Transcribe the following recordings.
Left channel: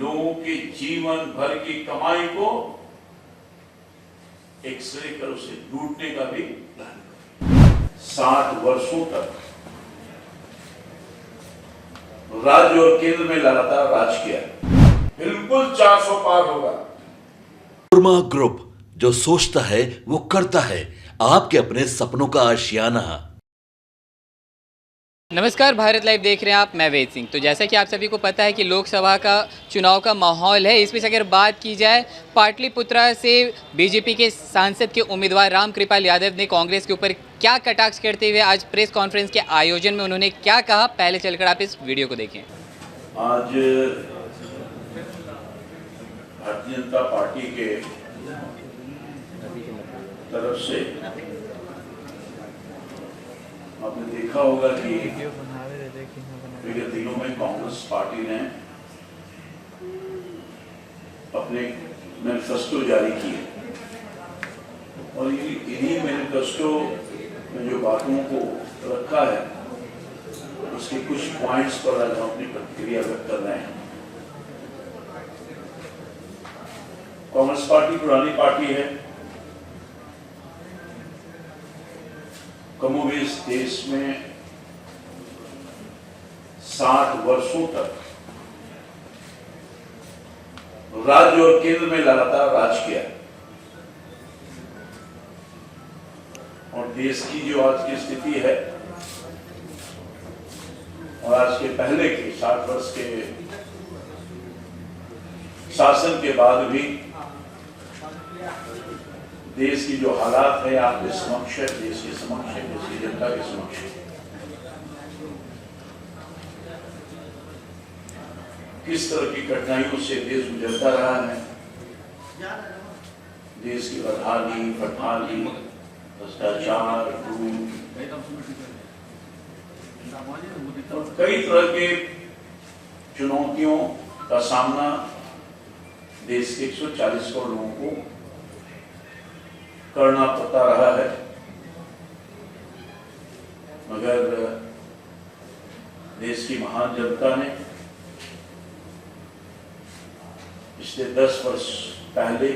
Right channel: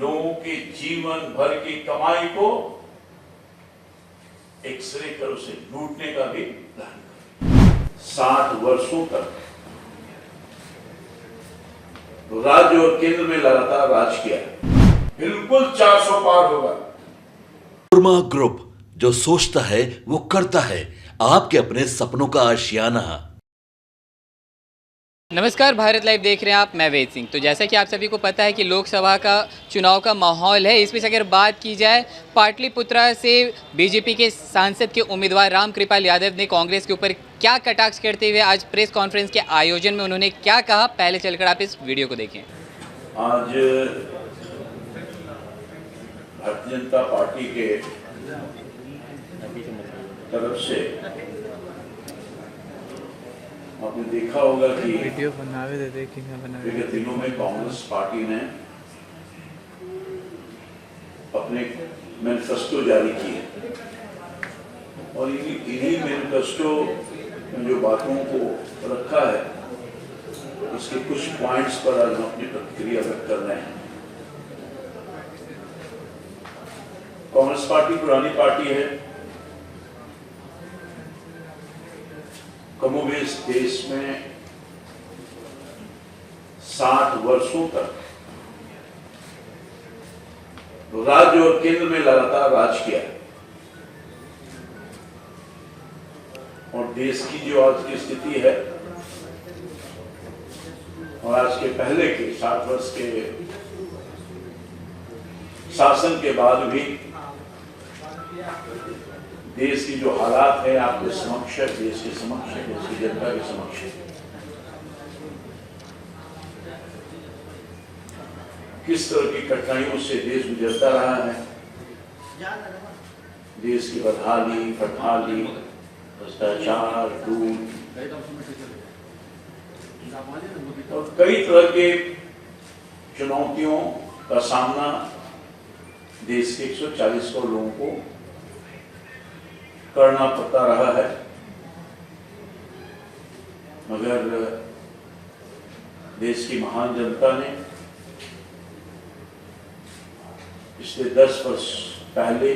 लोगों के जीवन भर की कमाई को एक्सरे कर उसे लूटने का भी प्लान कर 60 वर्षों तक राज्य और केंद्र में लगातार राज किया, बिल्कुल 400 पार होगा। कुर्मा ग्रुप, जो सोचता है वो करता है। आपके अपने सपनों का आशियाना। नमस्कार, भारत लाइव देख रहे हैं आप। मैं वेद सिंह। तो जैसा कि आप सभी को पता है कि लोकसभा का चुनाव का माहौल है। इस बीच अगर बात की जाए, पाटलिपुत्रा से बीजेपी के सांसद के उम्मीदवार रामकृपाल यादव ने कांग्रेस के ऊपर क्या कटाक्ष करते हुए आज प्रेस कॉन्फ्रेंस के आयोजन में उन्होंने क्या कहा, पहले चलकर आप इस वीडियो को देखें। आज भारतीय जनता पार्टी के तरफ से आपने देखा होगा कि विगत दिनों में कांग्रेस पार्टी ने अपने मैनिफेस्टो जारी किए और इन्हीं मैनिफेस्टो में जो बातों को रखा है उसके कुछ पॉइंट्स पर आज हम अपनी प्रतिक्रिया व्यक्त कर रहे हैं। कांग्रेस पार्टी पुरानी पार्टी है। कमोबेश देश में 60 वर्षों तक राज्य और केंद्र में लगातार राज किया और देश की जो आज की स्थिति है और आज के पहले के 60 वर्ष के शासन के बाद भी देश की जो हालात है आपके समक्ष है, देश के समक्ष है, देश की जनता के समक्ष है। किस तरह की कठिनाइयों से देश गुजरता रहा है। देश की बदहाली, फटहाली, भ्रष्टाचार, लूट और कई तरह के चुनौतियों का सामना देश के 140 करोड़ लोगों को करना पड़ता रहा है। मगर देश की महान जनता ने पिछले 10 वर्ष पहले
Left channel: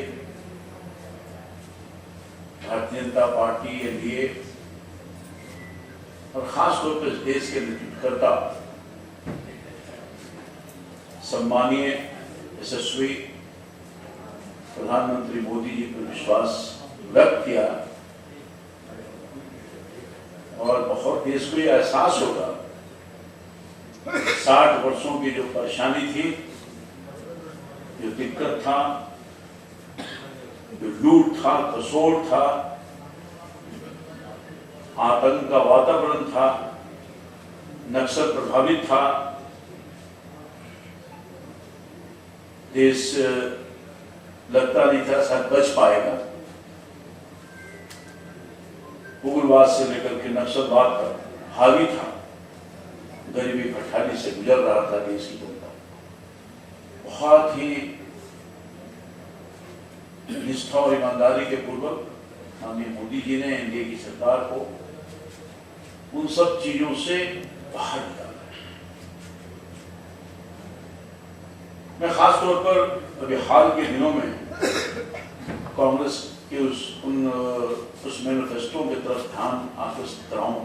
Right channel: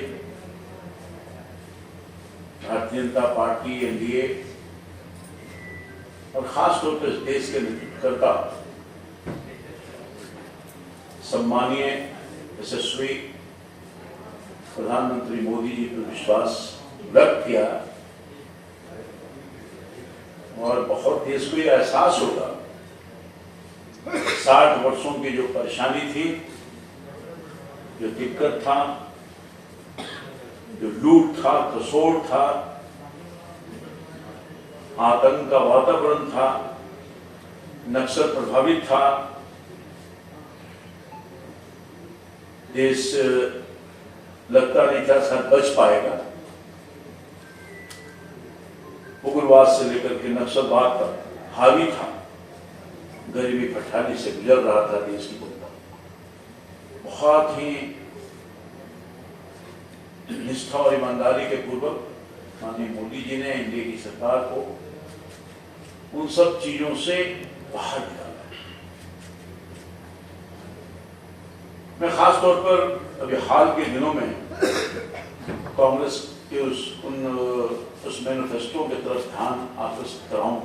भारतीय जनता पार्टी, एनडीए और खासतौर पर देश के नेतृत्वकर्ता सम्मानीय यशस्वी प्रधानमंत्री मोदी जी पर विश्वास व्यक्त किया और बहुत देश को यह एहसास होगा 60 वर्षों की जो परेशानी थी, जो दिक्कत था, जो लूट था, तसोड़ था, आतंक का वातावरण था, नक्सल प्रभावित था, देश लगता नहीं था शायद बच पाएगा। उग्रवाद से लेकर के नक्सलवाद तक हावी था, गरीबी भट्टाली से गुजर रहा था देश की जनता। बहुत ही निष्ठा और ईमानदारी के पूर्वक माननीय मोदी जी ने एनडीए की सरकार को उन सब चीजों से बाहर निकाला है। मैं खास तौर पर अभी हाल के दिनों में कांग्रेस के उस मैनिफेस्टो की तरफ ध्यान आकर्षित कराऊं।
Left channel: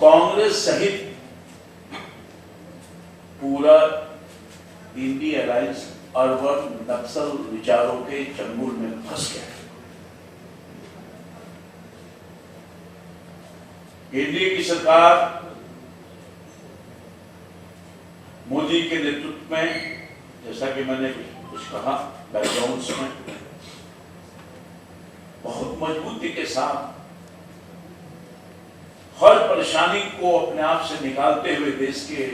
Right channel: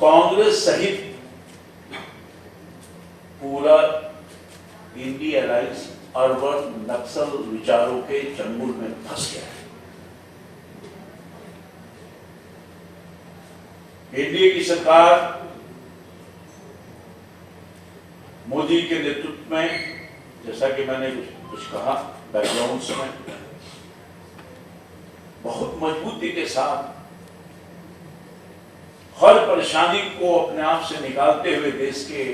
कांग्रेस सहित पूरा इंडी अलायंस अर्बन नक्सल विचारों के चंगुल में फंस गया है। एनडीए की सरकार मोदी के नेतृत्व में, जैसा कि मैंने कुछ कहा बैकग्राउंड में, बहुत मजबूती के साथ हर परेशानी को अपने आप से निकालते हुए देश के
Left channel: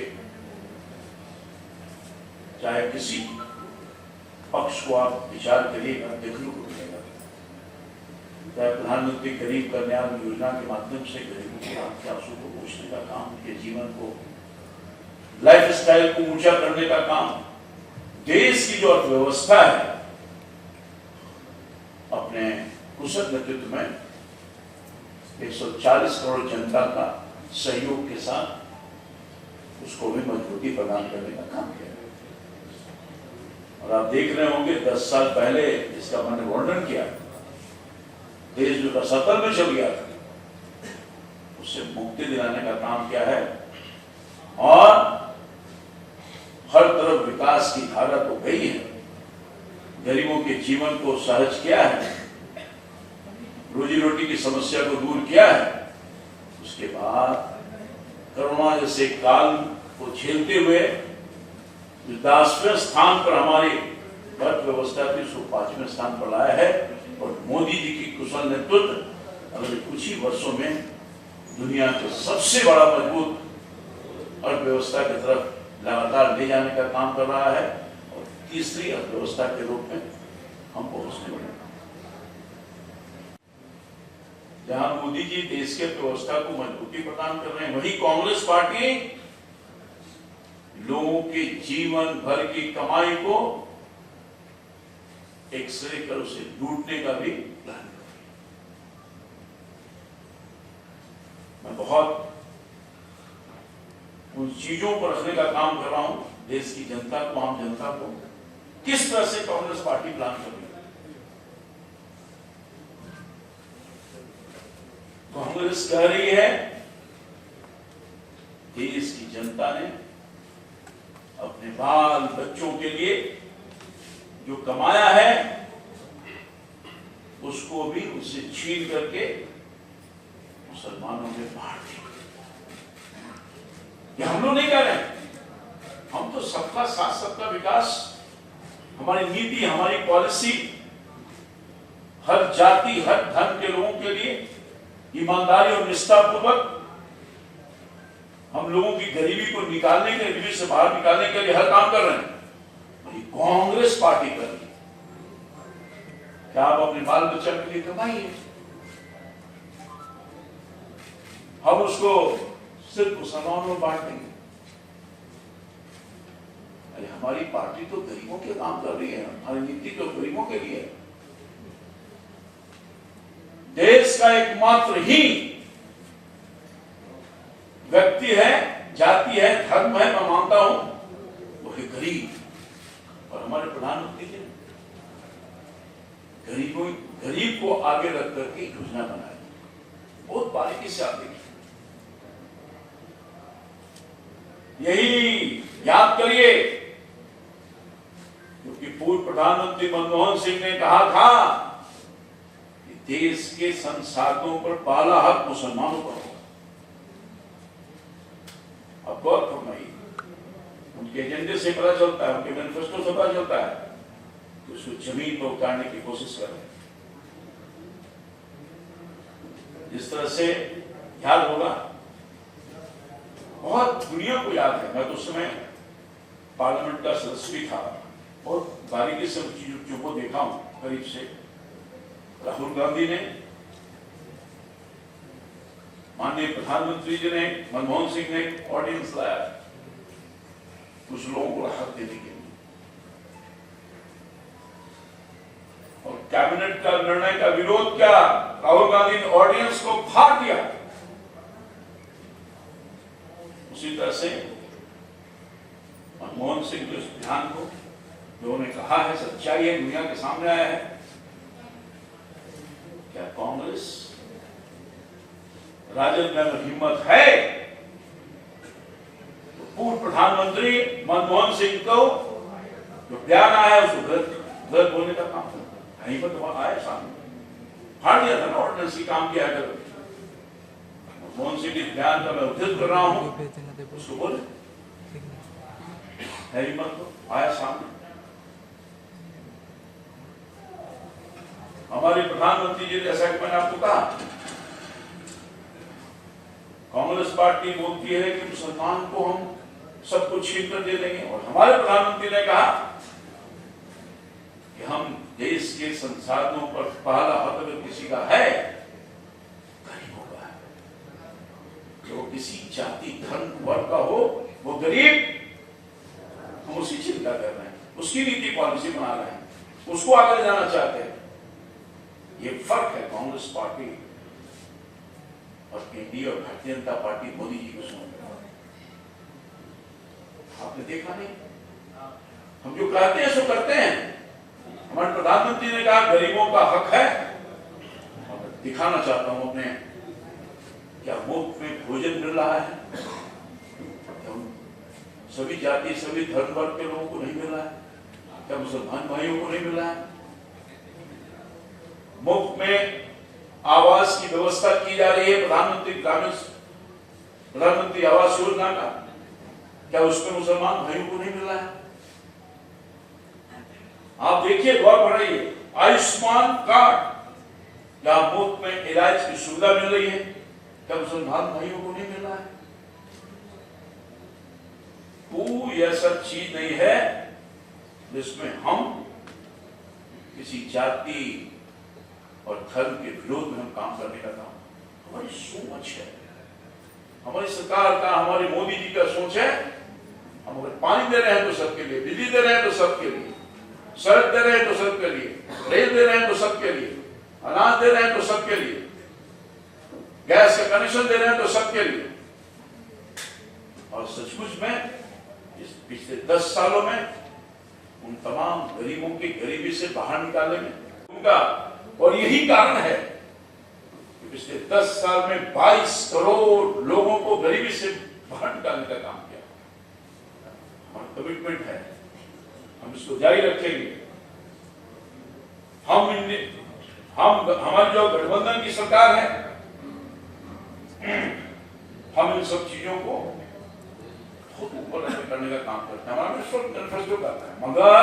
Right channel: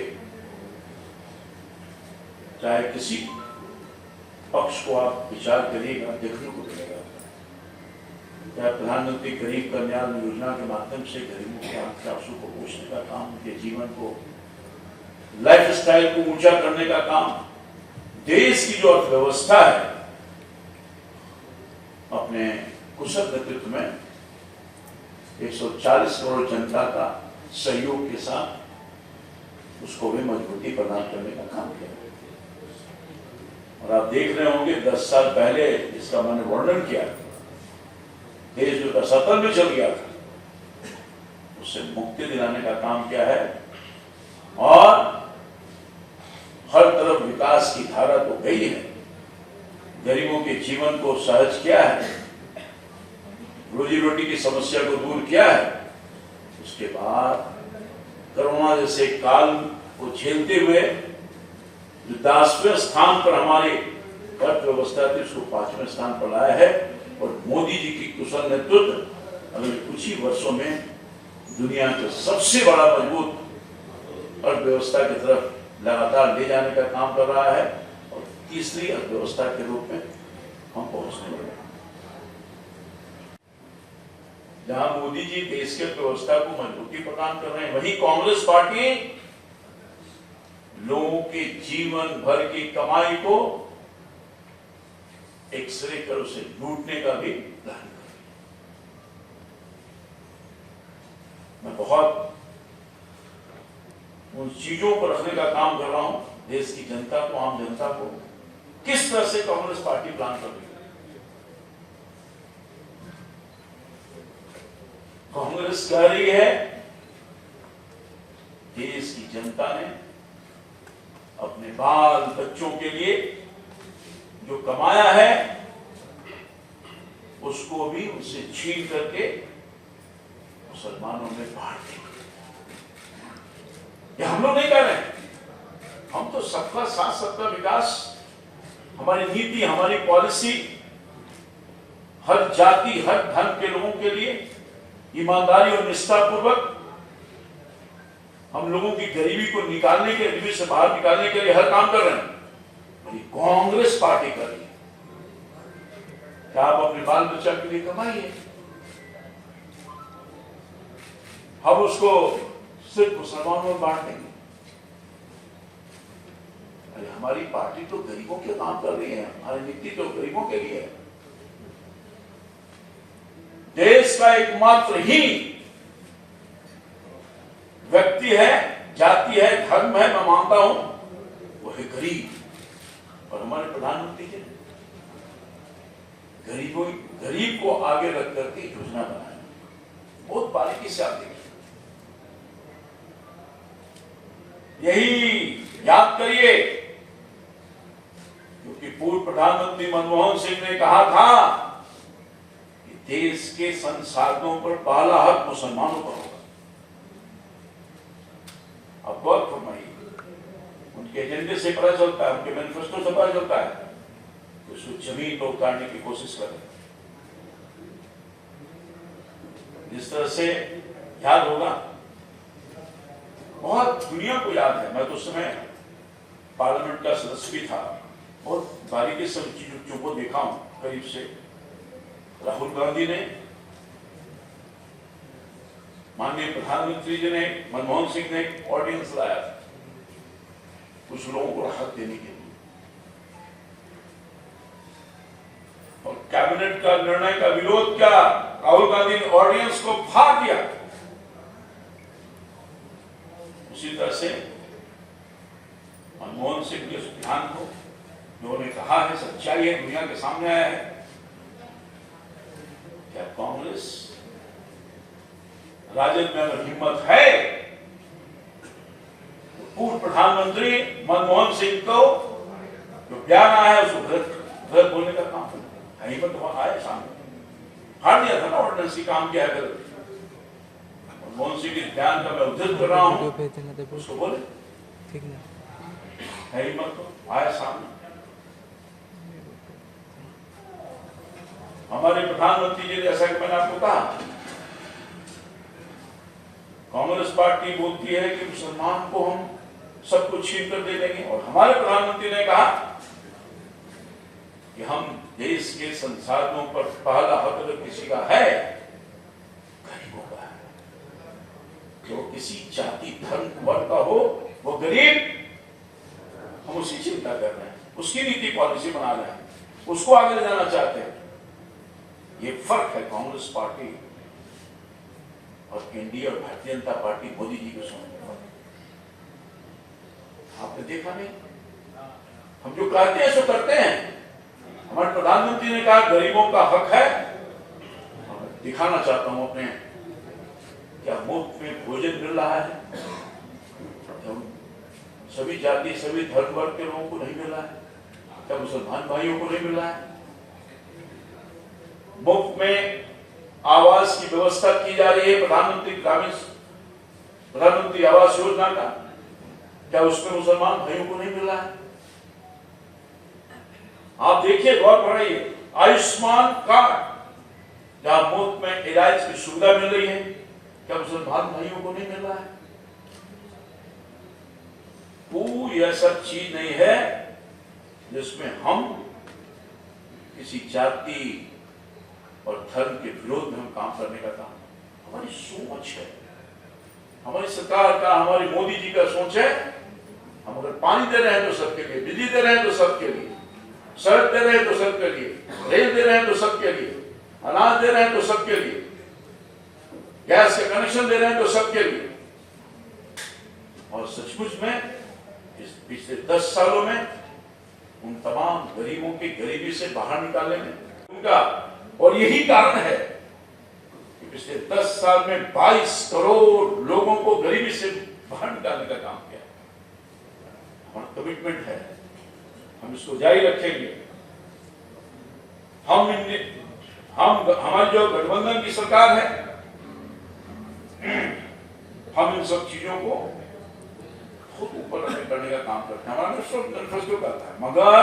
चाहे किसी पक्ष को आप विचार करिएगा, देखने को मिलेगा। चाहे प्रधानमंत्री गरीब कल्याण योजना के माध्यम से गरीबों के आंसू को पोषने का काम, उनके जीवन को, लाइफ स्टाइल को ऊंचा करने का काम, देश की जो अर्थव्यवस्था है अपने कुशल नेतृत्व में 140 करोड़ जनता का सहयोग के साथ उसको भी मजबूती प्रदान करने का काम किया। और आप देख रहे होंगे 10 साल पहले इसका मैंने वर्णन किया, देश जो असफल में चल गया था उससे मुक्ति दिलाने का काम किया है और हर तरफ विकास की धारा तो गई है, गरीबों के जीवन को सहज किया है, रोजी रोटी की समस्या को दूर किया है। उसके बाद कोरोना जैसे काल को झेलते हुए 10वें स्थान पर हमारी अर्थव्यवस्था थी उसको 5वें स्थान पर लाया है। और मोदी जी की कुशल नेतृत्व अगले कुछ ही वर्षों में दुनिया के सबसे बड़ा मजबूत अर्थव्यवस्था की तरफ लगातार ले जाने का काम कर रहा है और तीसरी अर्थव्यवस्था के रूप में हम पहुंचने वाले हैं। जहां मोदी जी देश के अर्थव्यवस्था को मजबूती प्रदान कर रहे हैं, वहीं कांग्रेस पार्टी लोगों के जीवन भर की कमाई को एक्सरे कर उसे लूटने का भी प्लान कर रही है। मैं बहुत उन चीजों पर रखने का काम कर रहा हूं, देश की जनता को, आम जनता को किस तरह से कांग्रेस पार्टी प्लान कर रही है। कांग्रेस कह रही है देश की जनता ने अपने बाल बच्चों के लिए जो कमाया है उसको भी उससे छीन करके मुसलमानों में बांट दिया। ये हम लोग नहीं कर रहे हैं, हम तो सबका साथ सबका विकास, हमारी नीति, हमारी पॉलिसी हर जाति हर धर्म के लोगों के लिए ईमानदारी और निष्ठा पूर्वक हम लोगों की गरीबी को निकालने के, गरीबी से बाहर निकालने के लिए हर काम कर रहे हैं। कांग्रेस पार्टी कर रही है क्या आप अपने बाल बच्चा के लिए कमाइए, हम उसको सिर्फ मुसलमानों में बांट देंगे। अरे हमारी पार्टी तो गरीबों के काम कर रही है, हमारी नीति तो गरीबों के लिए है। देश का एकमात्र ही व्यक्ति है, जाति है, धर्म है, मैं मानता हूं वो है गरीब। और हमारे प्रधानमंत्री जी गरीब को आगे रख करके योजना बनाई, बहुत बारीकी से आप देखिए। यही याद करिए क्योंकि पूर्व प्रधानमंत्री मनमोहन सिंह ने कहा था कि देश के संसाधनों पर पहला हक मुसलमानों पर होगा। अब गौर फरमाइए, उनके एजेंडे से पता चलता है, उनके मैनिफेस्टो से पता चलता है कि उसको जमीन पर उतारने की कोशिश कर रहे हैं। जिस तरह से याद होगा, बहुत दुनिया को याद है, मैं तो उस समय पार्लियामेंट का सदस्य भी था, बहुत बारीकी से चीजों को देखा हूं करीब से। राहुल गांधी ने, माननीय प्रधानमंत्री जी ने, मनमोहन सिंह ने ऑर्डिनेंस लाया कुछ लोगों को राहत देने के लिए, और कैबिनेट का निर्णय का विरोध किया। राहुल गांधी ने ऑर्डिनेंस को फाड़ दिया। उसी तरह से मनमोहन सिंह के उस बयान को जो उन्होंने कहा है सच्चाई है, दुनिया के सामने आया है। क्या कांग्रेस राजद में अगर हिम्मत है तो पूर्व प्रधानमंत्री मनमोहन सिंह को जो बयान आया है उसको गलत बोलने का काम है। हिम्मत तो आया सामने, फाड़ दिया था ना ऑर्डिनेंस की, काम किया गलत। मनमोहन सिंह के बयान का मैं उद्धृत कर रहा हूं, उसको बोले है हिम्मत तो आया सामने। हमारे प्रधानमंत्री जी, जैसा कि मैंने आपको कहा, कांग्रेस पार्टी बोलती है कि मुसलमान को हम सब कुछ छीन कर दे देंगे, और हमारे प्रधानमंत्री ने कहा कि हम देश के संसाधनों पर पहला हक अगर किसी का है, गरीबों का है। जो किसी जाति धर्म वर्ग का हो वो गरीब, हम उसकी चिंता कर रहे हैं, उसकी नीति पॉलिसी बना रहे हैं, उसको आगे ले जाना चाहते हैं। ये फर्क है कांग्रेस पार्टी और एनडीए और भारतीय जनता पार्टी मोदी जी के साथ। आपने देखा नहीं। हम जो कहते हैं सो करते हैं। हमारे प्रधानमंत्री ने कहा गरीबों का हक है। मैं दिखाना चाहता हूं अपने, क्या मुफ्त में भोजन मिल रहा है? सभी जाति सभी धर्म वर्ग के लोगों को नहीं मिल रहा है? क्या मुसलमान भाइयों को नहीं मिल रहा है? मुफ्त में आवास की व्यवस्था की जा रही है, प्रधानमंत्री आवास योजना का, क्या उसमें मुसलमान भाइयों को नहीं मिल रहा है? आप देखिए, गौर बढ़ाइए, आयुष्मान कार्ड जहां मुफ्त में इलाज की सुविधा मिल रही है, क्या मुसलमान भाइयों को नहीं मिल रहा है? कोई ऐसा चीज नहीं है जिसमें हम किसी जाति और धर्म के विरोध में हम काम करने का काम, हमारी सोच है, हमारी सरकार का, हमारी मोदी जी का सोच है। हम अगर पानी दे रहे हैं तो सबके लिए, बिजली दे रहे हैं तो सबके लिए, सड़क दे रहे हैं तो सबके लिए, रेल दे रहे हैं तो सबके लिए, अनाज दे रहे हैं तो सबके लिए, गैस का कनेक्शन दे रहे हैं तो सबके लिए। और सचमुच में इस पिछले 10 सालों में उन तमाम गरीबों की गरीबी से बाहर निकालने में उनका, और यही कारण है कि पिछले 10 साल में 22 करोड़ लोगों को गरीबी से बाहर निकालने का काम किया। हमारा कमिटमेंट है, हम इसको जारी रखेंगे। हमारी जो गठबंधन की सरकार है, हम इन सब चीजों को खुद ऊपर करने का काम करते हैं। हमारा मैनिफेस्टो करता है, मगर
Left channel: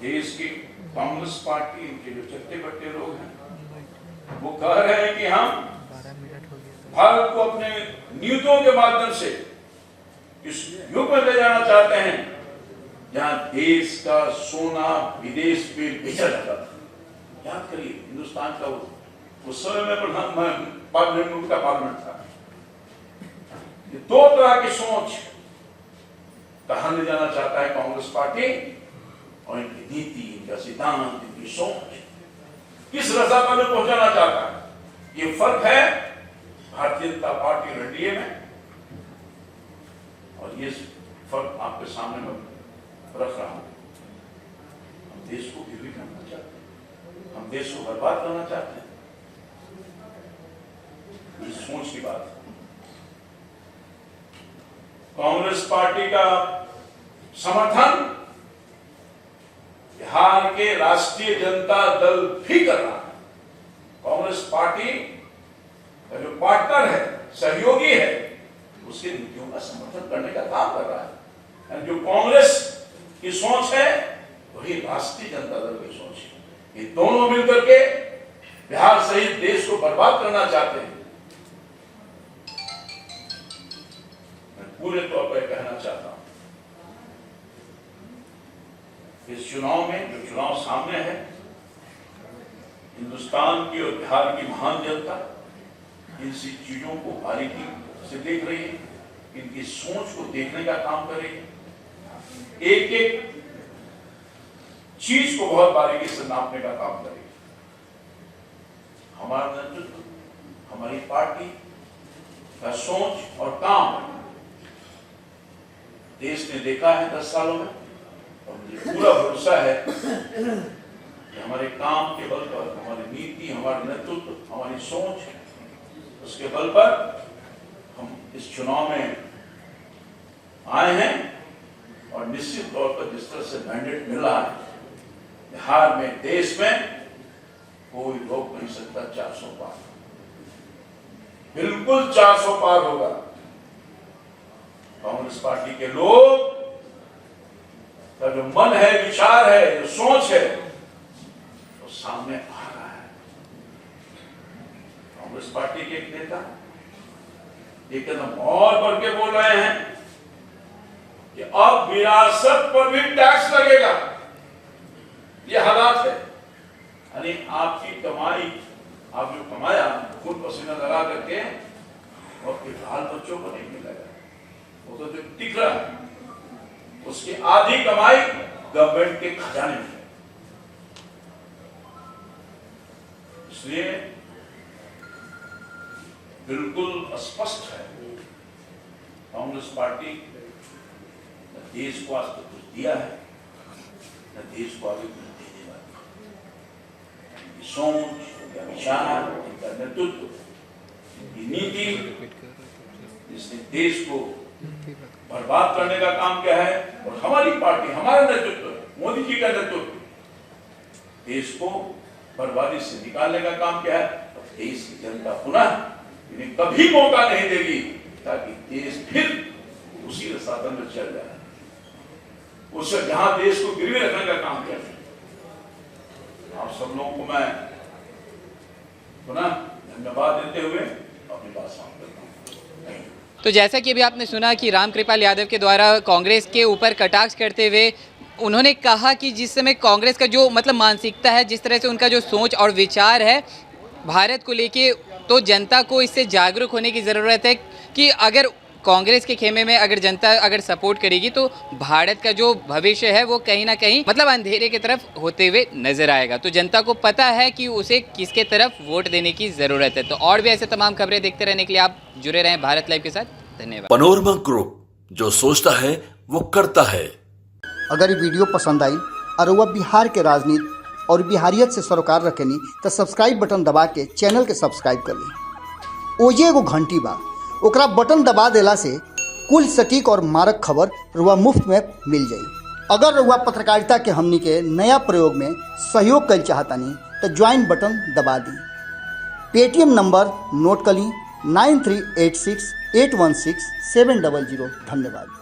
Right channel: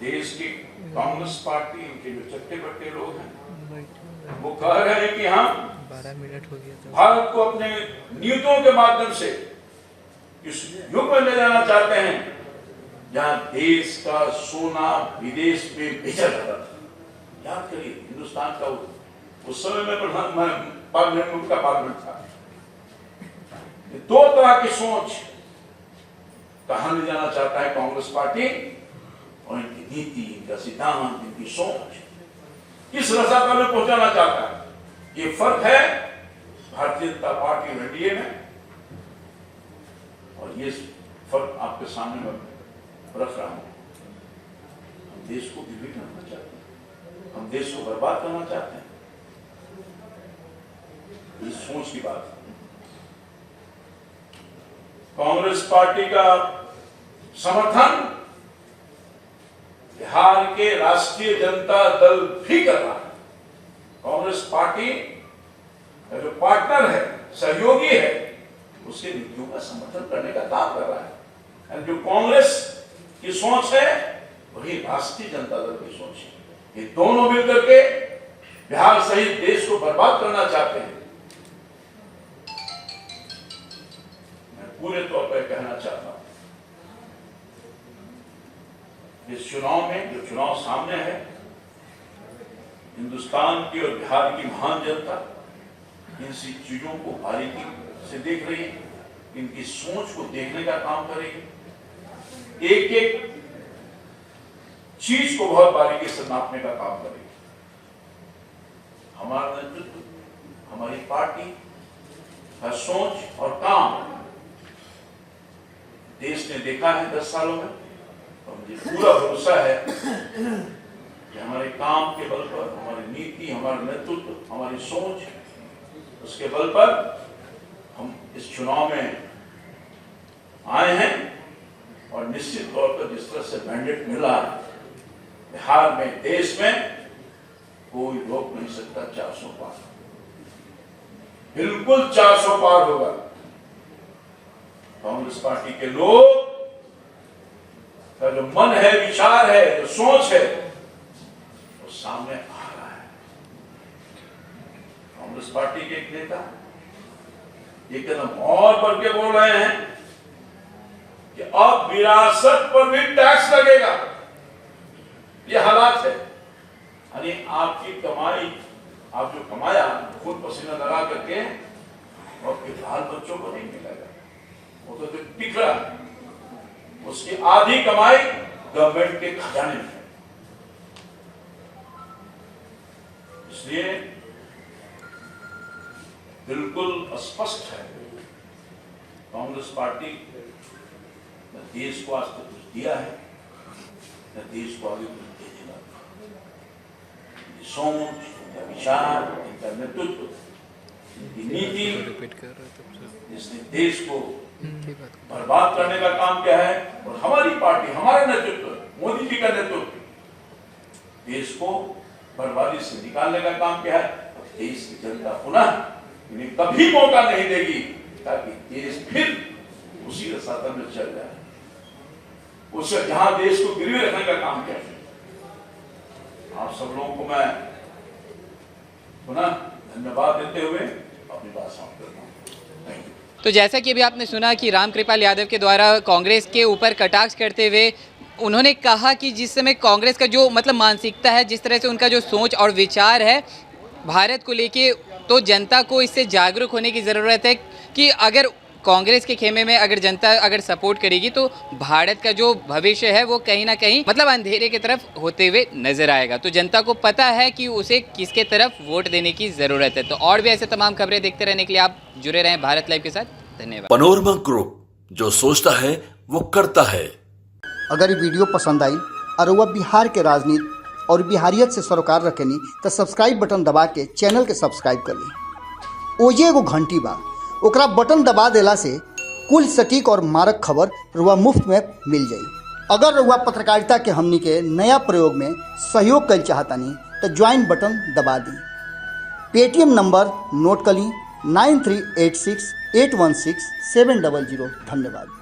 देश की कांग्रेस पार्टी, उनके जो चट्टे बट्टे लोग हैं, वो कह रहे हैं कि हम भारत को अपने नीतियों के माध्यम से इस युग में ले जाना चाहते हैं जहां देश का सोना विदेश में बेचा जाता था। याद करिए, हिंदुस्तान का उस समय में पार्लियामेंट का पार्लियामेंट था। दो तरह की सोच कहां ले जाना चाहता है कांग्रेस पार्टी, और इनकी नीति, इनका सिद्धांत, इनकी सोच किस रसातल में पहुंचाना चाहता है। ये फर्क है भारतीय जनता पार्टी और एनडीए में, और ये फर्क आपके सामने में रख रहा हूं। हम देश को गिरवी करना चाहते हैं, हम देश को बर्बाद करना चाहते हैं। इस सोच की बात है। कांग्रेस पार्टी का समर्थन बिहार के राष्ट्रीय जनता दल भी कर रहा है। कांग्रेस पार्टी का जो पार्टनर है, सहयोगी है, उसके नीतियों का समर्थन करने का काम कर रहा है। जो कांग्रेस की सोच है वही राष्ट्रीय जनता दल की सोच है। ये दोनों मिलकर के बिहार सहित देश को बर्बाद करना चाहते हैं। मैं पूरे तौर पर कहना चाहता हूं, इस चुनाव में, जो चुनाव सामने है, हिंदुस्तान की और बिहार की महान जनता इन सी चीजों को बारीकी से देख रही है, इनकी सोच को देखने का काम करेगी, एक एक चीज को बहुत बारीकी से नापने का काम करेगी। हमारा नेतृत्व, हमारी पार्टी का सोच और काम देश ने देखा है 10 सालों में, और मुझे पूरा भरोसा है कि हमारे काम के बल पर, हमारी नीति, हमारा नेतृत्व, हमारी सोच, उसके बल पर हम इस चुनाव में आए हैं। और निश्चित तौर पर जिस तरह से मैंडेट मिला है, बिहार में, देश में कोई रोक नहीं सकता 400 पार, बिल्कुल 400 पार होगा। कांग्रेस पार्टी के लोग का जो मन है, विचार है, जो सोच है, वो सामने आ रहा है। कांग्रेस पार्टी के एक नेता ये कदम और बढ़ के बोल रहे हैं कि अब विरासत पर भी टैक्स लगेगा। ये हालात है, यानी आपकी कमाई, आप जो कमाया खून पसीना लगा करके, और फिर बाल बच्चों को नहीं मिलेगा, वो तो जो टिक रहा है, उसकी आधी कमाई गवर्नमेंट के खजाने में है। इसलिए बिल्कुल स्पष्ट है कांग्रेस पार्टी न देश को आज तक कुछ दिया है, न देश को आगे कुछ देने वाला। इनकी सोच, इनका विचार, इनका नेतृत्व, इनकी नीति, जिसने देश को बर्बाद करने का काम किया है, और हमारी पार्टी, हमारा नेतृत्व, मोदी जी का नेतृत्व देश को बर्बादी से निकालने का काम किया है। देश की जनता पुनः इन्हें कभी मौका नहीं देगी ताकि देश फिर उसी रास्ते में चल जाए, उससे जहां देश को गिरवी रखने का काम किया। आप सब लोगों को मैं पुनः धन्यवाद देते हुए अपनी बात समाप्त करता हूं। Thank you. तो जैसा कि अभी आपने सुना कि रामकृपाल यादव के द्वारा कांग्रेस के ऊपर कटाक्ष करते हुए उन्होंने कहा कि जिस समय कांग्रेस का जो मतलब मानसिकता है, जिस तरह से उनका जो सोच और विचार है भारत को लेके, तो जनता को इससे जागरूक होने की ज़रूरत है कि अगर कांग्रेस के खेमे में अगर जनता अगर सपोर्ट करेगी तो भारत का जो भविष्य है वो कहीं ना कहीं मतलब अंधेरे की तरफ होते हुए नजर आएगा। तो जनता को पता है कि उसे किसके तरफ वोट देने की ज़रूरत है। तो और भी ऐसे तमाम खबरें देखते रहने के लिए आप जुड़े रहें भारत लाइव के साथ। धन्यवाद। पनोरमा ग्रुप, जो सोचता है वो करता है। अगर ये वीडियो पसंद आई और वह बिहार के राजनीति और बिहारियत से सरोकार रखेनी तो सब्सक्राइब बटन दबा के चैनल के सब्सक्राइब कर ली। ओजे एगो घंटी बा, ओकरा बटन दबा देला से कुल सटीक और मारक खबर रुआ मुफ्त में मिल जाई। अगर रुआ पत्रकारिता के हमनी के नया प्रयोग में सहयोग कर चाहतानी तो ज्वाइन बटन दबा दी। पेटीएम नंबर नोट कर ली 9386 816 700। धन्यवाद।